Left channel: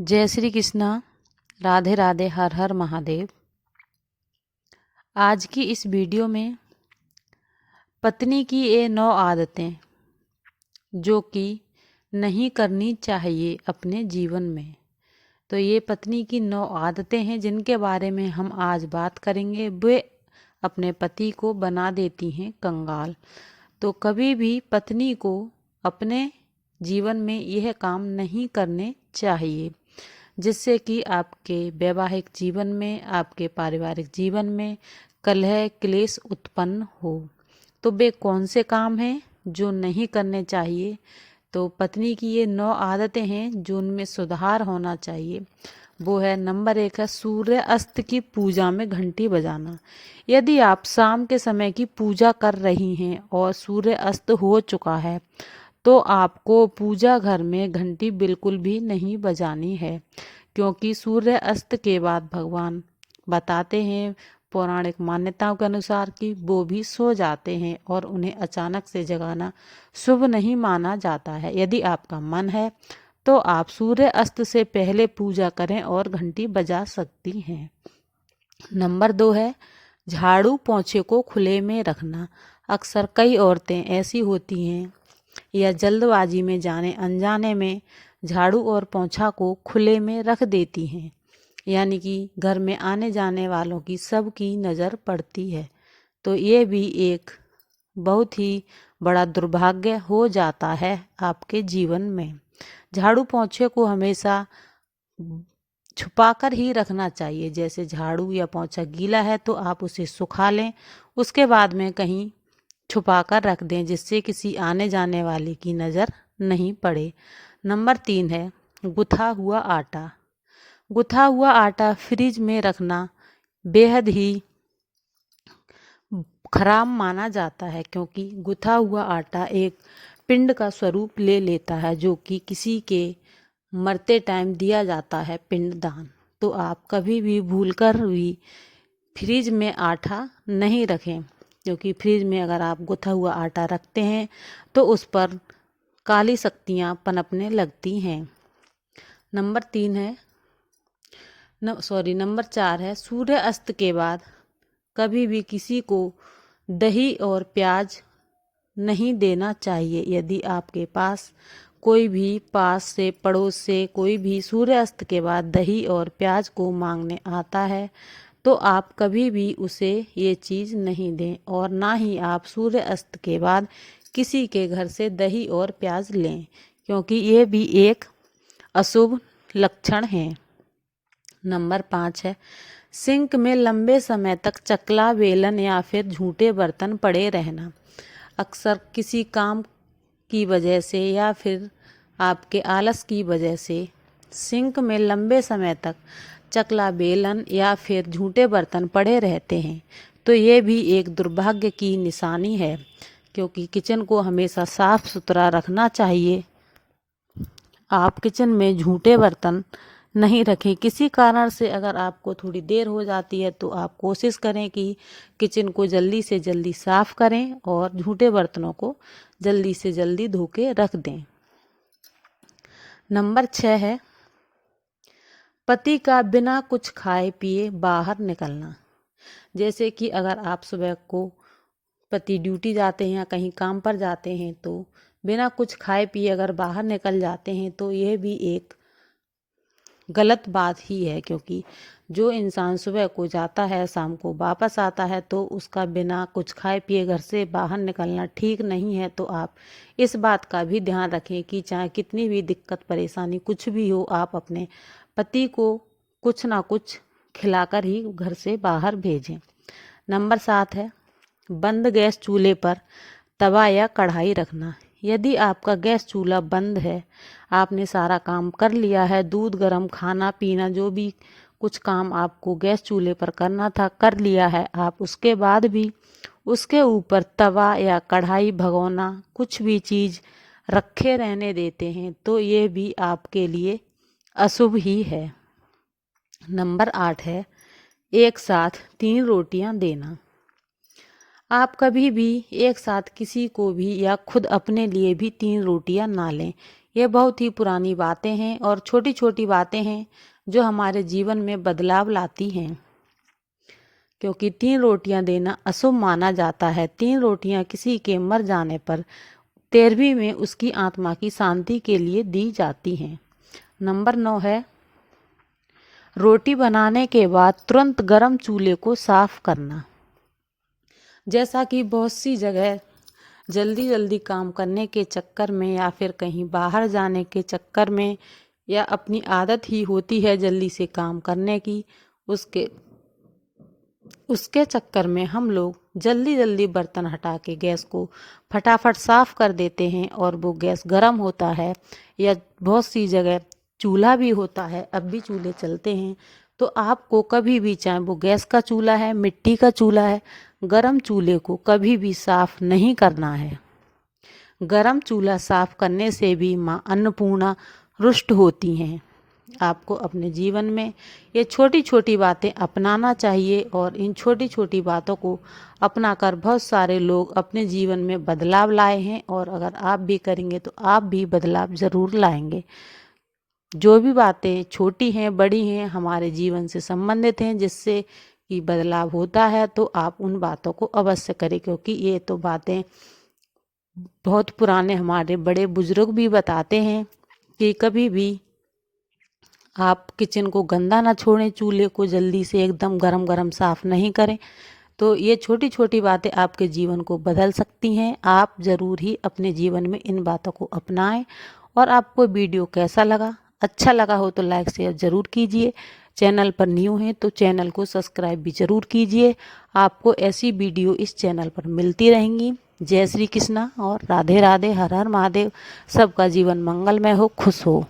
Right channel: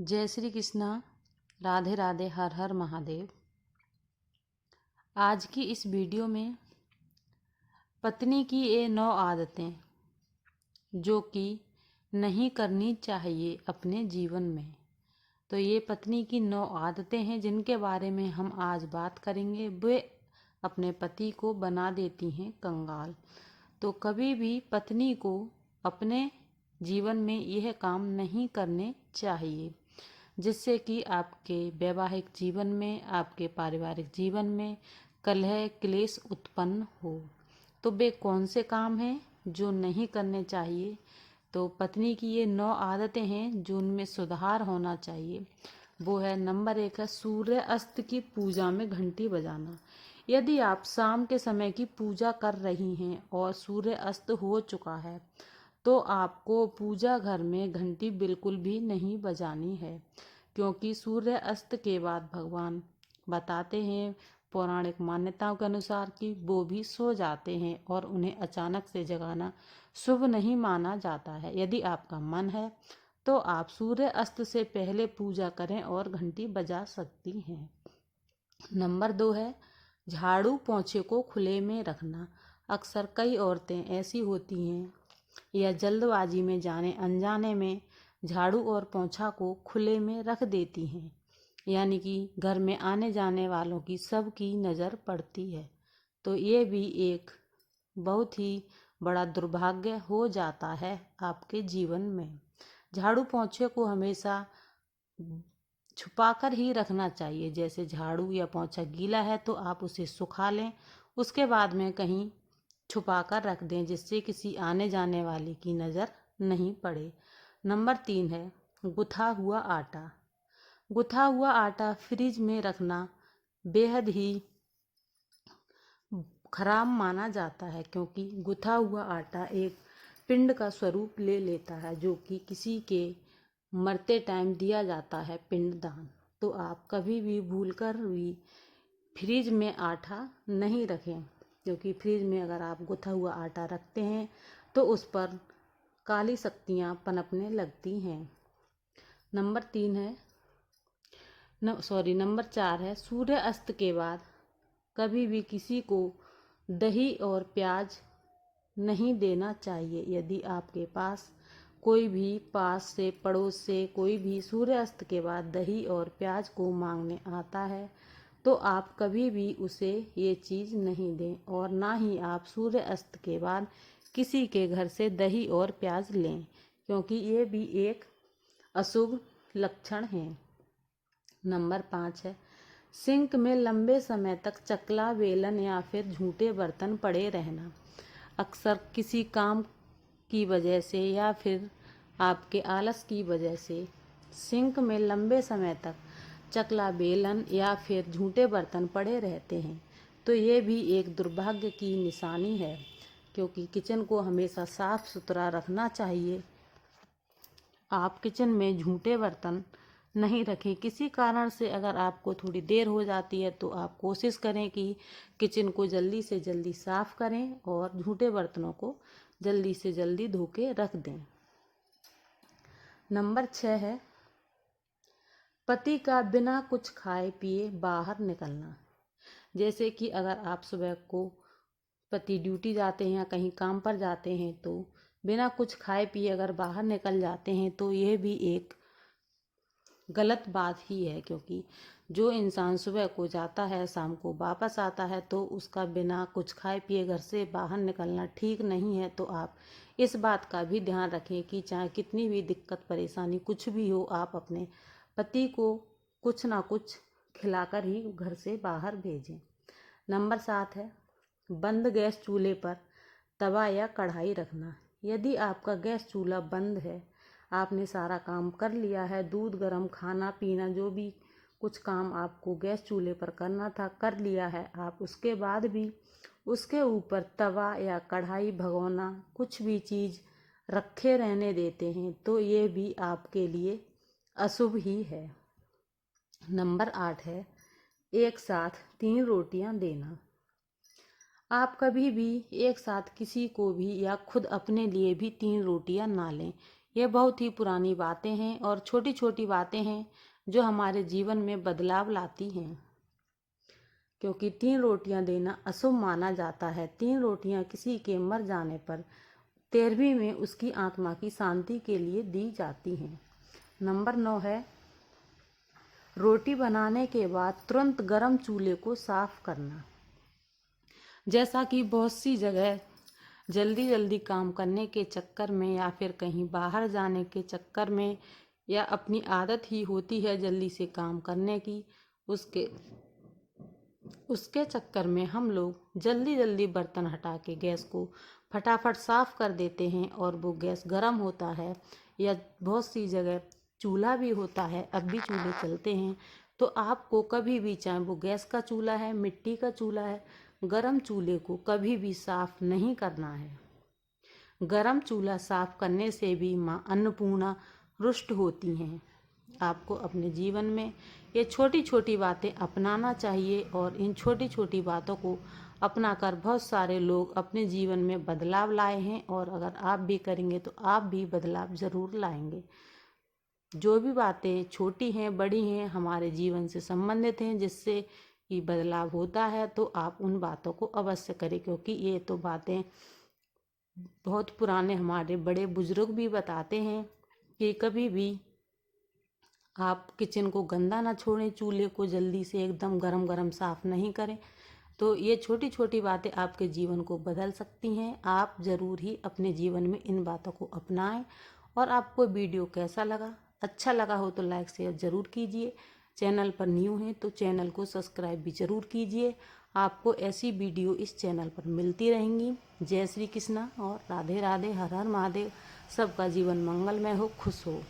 जय श्री कृष्णा। राधे राधे। हर हर महादेव। आज की इस वीडियो में पत्नी की ये 9 आदतें जो कि नहीं करनी चाहिए अपने जीवन में। तो ये पत्नी की 9 आदतें हैं जिनके बारे में हम आज बात करेंगे। वे अपने पति को बना देती हैं कंगाल। तो कभी भी पत्नी को अपने जीवन में यह काम नहीं करने चाहिए, जिससे कि आपके वैवाहिक जीवन में, आपके पारिवारिक जीवन में कलह क्लेश उत्पन्न हो। तो वे कौन से काम हैं जो नहीं करने चाहिए? तो पत्नी की ये 9 आदतें हैं जो उनमें सुधार होना चाहिए। वो है, नंबर 1 है सूर्य अस्त की पूजा में घंटी बजाना। यदि आप शाम के समय की पूजा कर रही हैं और सूर्य अस्त हो चुका है तो आपको पूजा घर में घंटी बिल्कुल भी नहीं बजानी है, क्योंकि सूर्य अस्त के बाद भगवान बताते हैं पौराणिक मान्यताओं के अनुसार कि वो भी सो जाते हैं और उन्हें अचानक से जगाना शुभ नहीं माना जाता है। यदि आपका मन है तो आप सूर्य अस्त से पहले पूजा करें और घंटी बजा सकती हैं। नंबर 2 है झाड़ू पोंछे को खुले में रखना। अक्सर कई औरतें ऐसी होती हैं या जल्दबाजी में जाने अनजाने में झाड़ू और पोंछा को खुले में रख देती हैं, यानी कि घर में आने जाने वालों की सबकी नज़र पड़ती है। तो ये भी एक बहुत ही बड़ा दुर्भाग्य हो जाता है आपके जीवन में। झाड़ू पोंछे को हमेशा छुपा कर ही रखना चाहिए। जैसे झाड़ू या पोंछा गीला है तो आप उसे सुखा लें, उसके बाद में कहीं छुपा कर रख दें, जिससे किसी आने जाने वाले की नज़र नहीं पड़े। नंबर 3 है गुथा हुआ आटा। गुथा हुआ आटा फ्रिज में रखना बेहद ही खराब माना जाता है, क्योंकि गुथा हुआ आटा एक पिंड का स्वरूप ले लेता है, जो कि किसी के मरते टाइम दिया जाता है पिंडदान। तो आप कभी भी भूलकर भी फ्रिज में आटा नहीं रखें, क्योंकि फ्रिज में अगर आप गुथा हुआ आटा रखते हैं तो उस पर काली शक्तियाँ पनपने लगती हैं। नंबर 4 है सूर्य अस्त के बाद कभी भी किसी को दही और प्याज नहीं देना चाहिए। यदि आपके पास कोई भी पास से पड़ोस से कोई भी सूर्य अस्त के बाद दही और प्याज को मांगने आता है तो आप कभी भी उसे ये चीज़ नहीं दें, और ना ही आप सूर्य अस्त के बाद किसी के घर से दही और प्याज लें, क्योंकि ये भी एक अशुभ लक्षण है। नंबर 5 है सिंक में लंबे समय तक चकला बेलन या फिर झूठे बर्तन पड़े रहना। अक्सर किसी काम की वजह से या फिर आपके आलस की वजह से सिंक में लंबे समय तक चकला बेलन या फिर झूठे बर्तन पड़े रहते हैं। तो ये भी एक दुर्भाग्य की निशानी है, क्योंकि किचन को हमेशा साफ सुथरा रखना चाहिए। आप किचन में झूठे बर्तन नहीं रखें। किसी कारण से अगर आपको थोड़ी देर हो जाती है तो आप कोशिश करें कि किचन को जल्दी से जल्दी साफ करें और झूठे बर्तनों को जल्दी से जल्दी धो के रख दें। नंबर 6 है पति का बिना कुछ खाए पिए बाहर निकलना। जैसे कि अगर आप सुबह को पति ड्यूटी जाते हैं या कहीं काम पर जाते हैं तो बिना कुछ खाए पिए अगर बाहर निकल जाते हैं तो यह भी एक गलत बात ही है, क्योंकि जो इंसान सुबह को जाता है शाम को वापस आता है तो उसका बिना कुछ खाए पिए घर से बाहर निकलना ठीक नहीं है। तो आप इस बात का भी ध्यान रखें कि चाहे कितनी भी दिक्कत परेशानी कुछ भी हो, आप अपने पति को कुछ ना कुछ खिलाकर ही घर से बाहर भेजें। नंबर 7 है बंद गैस चूल्हे पर तवा या कढ़ाई रखना। यदि आपका गैस चूल्हा बंद है, आपने सारा काम कर लिया है, दूध गर्म, खाना पीना, जो भी कुछ काम आपको गैस चूल्हे पर करना था कर लिया है, आप उसके बाद भी उसके ऊपर तवा या कढ़ाई भगोना कुछ भी चीज़ रखे रहने देते हैं तो ये भी आपके लिए अशुभ ही है। नंबर 8 है एक साथ 3 रोटियां देना। आप कभी भी एक साथ किसी को भी या खुद अपने लिए भी 3 रोटियां ना लें। ये बहुत ही पुरानी बातें हैं और छोटी छोटी बातें हैं जो हमारे जीवन में बदलाव लाती हैं, क्योंकि 3 रोटियां देना अशुभ माना जाता है। 3 रोटियां किसी के मर जाने पर 13वीं में उसकी आत्मा की शांति के लिए दी जाती हैं। नंबर 9 है, रोटी बनाने के बाद तुरंत गर्म चूल्हे को साफ करना। जैसा कि बहुत सी जगह जल्दी जल्दी काम करने के चक्कर में या फिर कहीं बाहर जाने के चक्कर में या अपनी आदत ही होती है जल्दी से काम करने की, उसके चक्कर में हम लोग जल्दी जल्दी बर्तन हटा के गैस को फटाफट साफ कर देते हैं और वो गैस गर्म होता है। या बहुत सी जगह चूल्हा भी होता है, अब भी चूल्हे चलते हैं। तो आपको कभी भी, चाहे वो गैस का चूल्हा है, मिट्टी का चूल्हा है, गरम चूल्हे को कभी भी साफ नहीं करना है। गरम चूल्हा साफ करने से भी माँ अन्नपूर्णा रुष्ट होती हैं। आपको अपने जीवन में ये छोटी छोटी बातें अपनाना चाहिए और इन छोटी छोटी बातों को अपनाकर बहुत सारे लोग अपने जीवन में बदलाव लाए हैं और अगर आप भी करेंगे तो आप भी बदलाव ज़रूर लाएंगे। जो भी बातें छोटी हैं बड़ी हैं हमारे जीवन से संबंधित हैं, जिससे कि बदलाव होता है, तो आप उन बातों को अवश्य करें, क्योंकि ये तो बातें बहुत पुराने हमारे बड़े बुजुर्ग भी बताते हैं कि कभी भी आप किचन को गंदा ना छोड़ें, चूल्हे को जल्दी से एकदम गरम गरम साफ नहीं करें। तो ये छोटी छोटी बातें आपके जीवन को बदल सकती हैं। आप ज़रूर ही अपने जीवन में इन बातों को अपनाएं। और आपको वीडियो कैसा लगा, अच्छा लगा हो तो लाइक शेयर ज़रूर कीजिए। चैनल पर न्यू हैं तो चैनल को सब्सक्राइब भी ज़रूर कीजिए। आपको ऐसी वीडियो इस चैनल पर मिलती रहेंगी। जय श्री कृष्णा और राधे राधे, हर हर महादेव। सबका जीवन मंगलमय हो, खुश हो।